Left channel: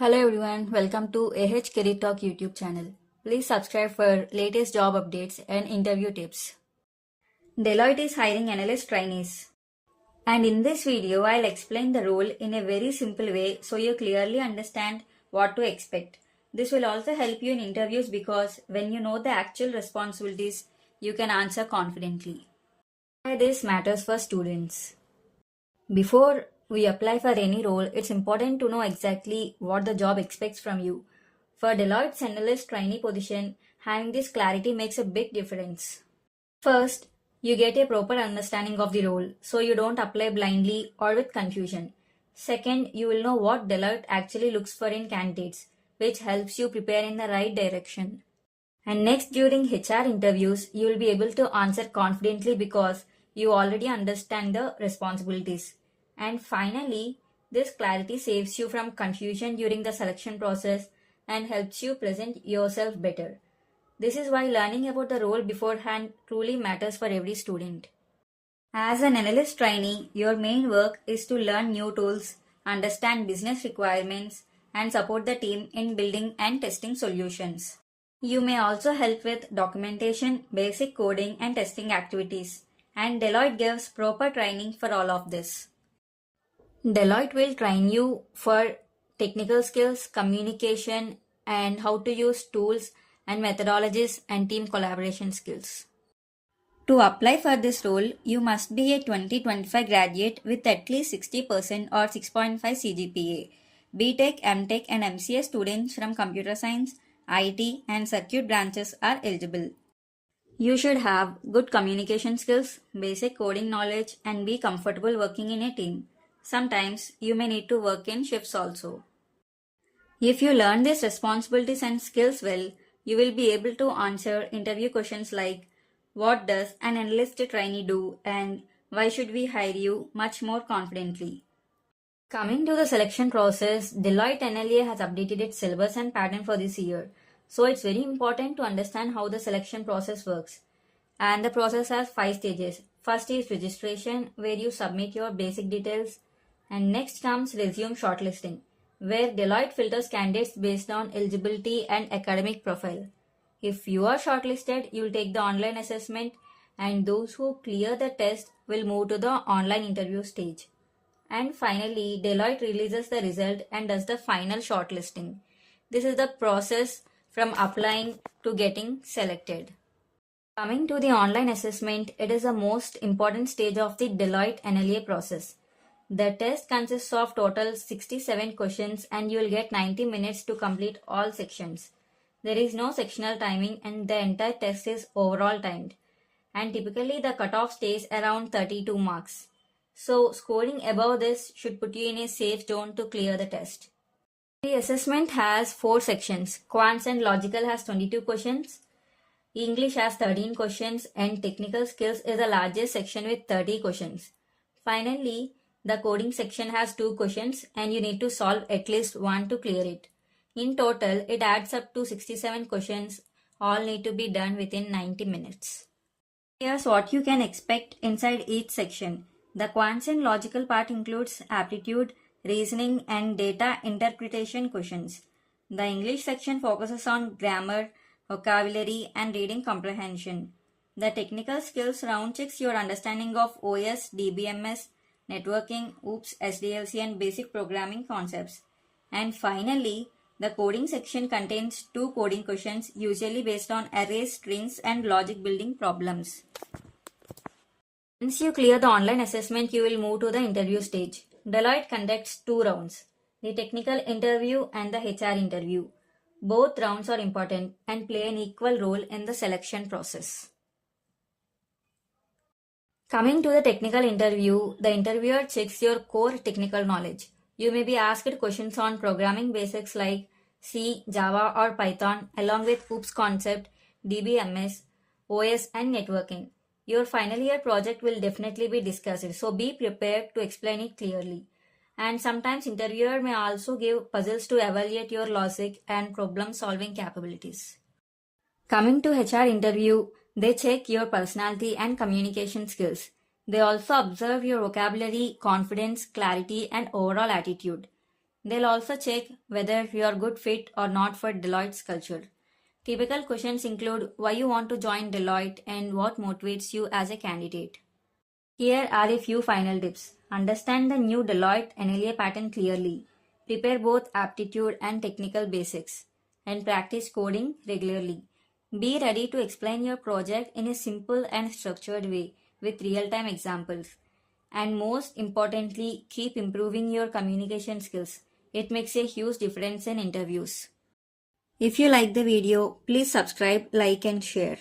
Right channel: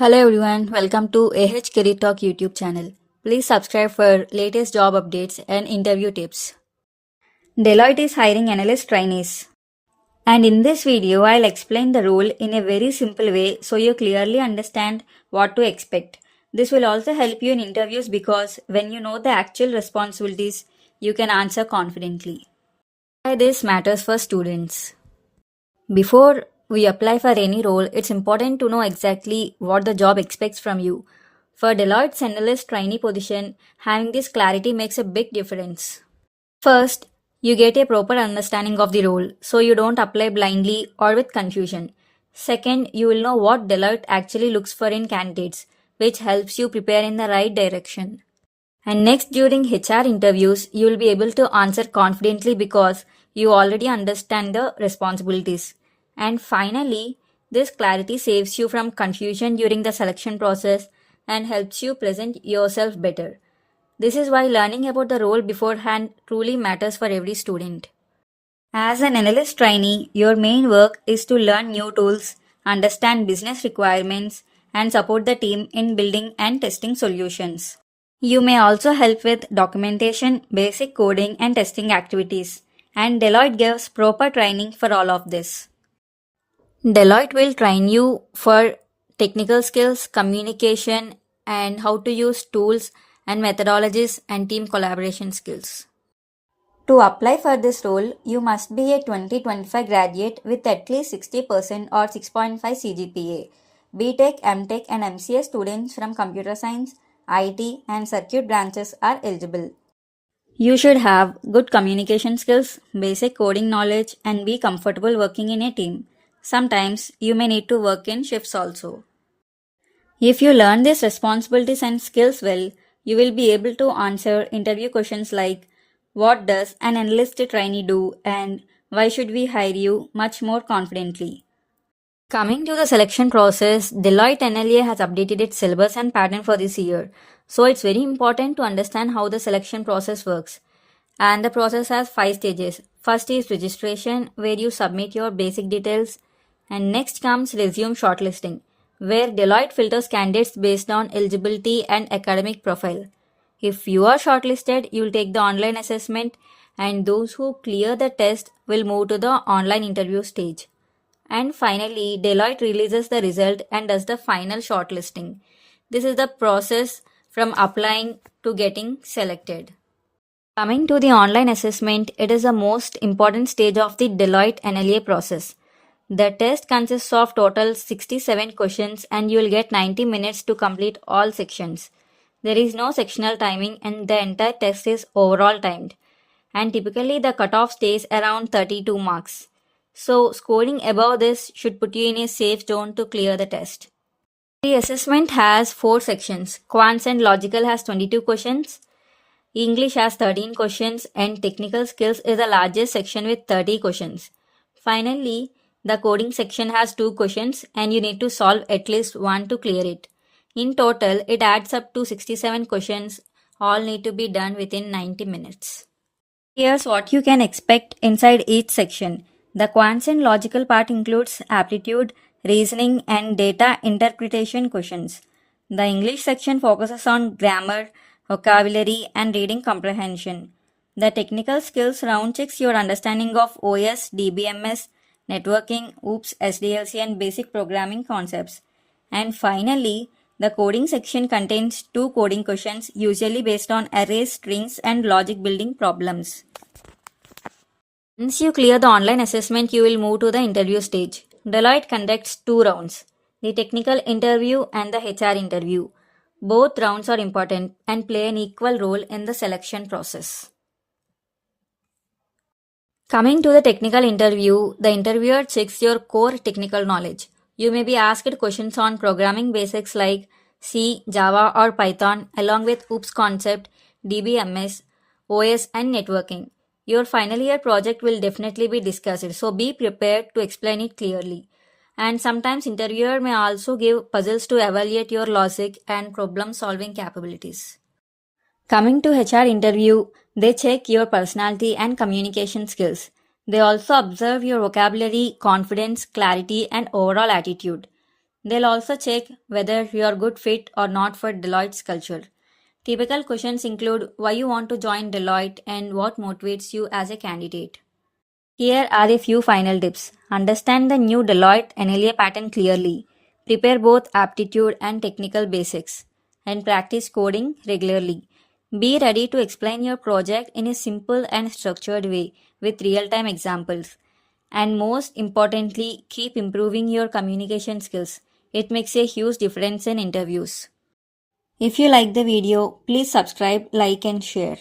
Hello everyone, welcome to AHCareerTalk YouTube channel. Please subscribe for latest job updates and interview tips. Deloitte is hiring analyst trainees. And in this video, I'll explain the role in a very simple way so you clearly understand what to expect. This will also help you in interviews because when you know the actual responsibilities, you can answer confidently. Why this matters for students. Before we apply for any role, it's important to know exactly what the job expects from you. For Deloitte's analyst trainee position, having this clarity makes a big difference. First, you get a proper understanding of the role, so you don't apply blindly or with confusion. Second, you will know what Deloitte actually looks for in candidates, which helps you prepare in the right direction. And next, during HR interviews, you will be able to answer confidently because you already understand the responsibilities. And finally, this clarity saves you from confusion during the selection process and helps you present yourself better. This is why learning about the role beforehand truly matters for every student. As an analyst trainee, your main work is to learn new tools, understand business requirements, and support the team in building and testing solutions. You may also help with documentation, basic coding, and testing activities, and Deloitte gives proper training for all of this. Deloitte will train you for technical skills, communication, and how to use tools and methodologies and team collaboration skills. To apply for this role, you must be a 2025 graduate with at least 60% or 6.5 CGPA. BTech, MTech, and MCA students from computer science, IT, and circuit branches are eligible. You should have good communication skills, basic coding knowledge, and be comfortable working in a team. Sometimes you may need to work in shifts also. If you learn these responsibilities and skills well, you will be able to answer interview questions like what does an analyst trainee do and why should we hire you much more confidently. Coming to the selection process, Deloitte NLA has updated its syllabus and pattern for this year. So it's very important to understand how the selection process works. And the process has 5 stages. First is registration, where you submit your basic details. And next comes resume shortlisting, where Deloitte filters candidates based on eligibility and academic profile. If you are shortlisted, you will take the online assessment, and those who clear the test will move to the online interview stage. And finally, Deloitte releases the result and does the final shortlisting. This is the process from applying to getting selected. Coming to the online assessment, it is the most important stage of the Deloitte NLA process. The test consists of total 67 questions and you will get 90 minutes to complete all sections. There is no sectional timing and the entire test is overall timed. And typically the cutoff stays around 32 marks. So scoring above this should put you in a safe zone to clear the test. The assessment has 4 sections. Quants and Logical has 22 questions. English has 13 questions and Technical Skills is the largest section with 30 questions. Finally, the coding section has 2 questions and you need to solve at least one to clear it. In total, it adds up to 67 questions. All need to be done within 90 minutes. Here's what you can expect inside each section. The quants and logical part includes aptitude, reasoning, and data interpretation questions. The English section focuses on grammar, vocabulary, and reading comprehension. The technical skills round checks your understanding of OS, DBMS, networking, OOPS, SDLC, and basic programming concepts. And finally, the coding section contains 2 coding questions, usually based on arrays, strings, and logic building problems. Once you clear the online assessment, you will move to the interview stage. Deloitte conducts 2 rounds, the technical interview and the HR interview. Both rounds are important and play an equal role in the selection process. Coming to the technical interview, the interviewer checks your core technical knowledge. You may be asked questions on programming basics like C, Java, or Python, along with OOPS concept, DBMS, OS, and networking. Your final year project will definitely be discussed, so be prepared to explain it clearly. And sometimes interviewer may also give puzzles to evaluate your logic and problem solving capabilities. Coming to HR interview, they check your personality and communication skills. They also observe your vocabulary, confidence, clarity, and overall attitude. They'll also check whether you're good fit or not for Deloitte's culture. Typical questions include why you want to join Deloitte and what motivates you as a candidate. Here are a few final tips. Understand the new Deloitte NLA pattern clearly. Prepare both aptitude and technical basics. And practice coding regularly. Be ready to explain your project in a simple and structured way with real time examples. And most importantly, keep improving your communication skills. It makes a huge difference in interviews. If you like the video, please subscribe, like, and share.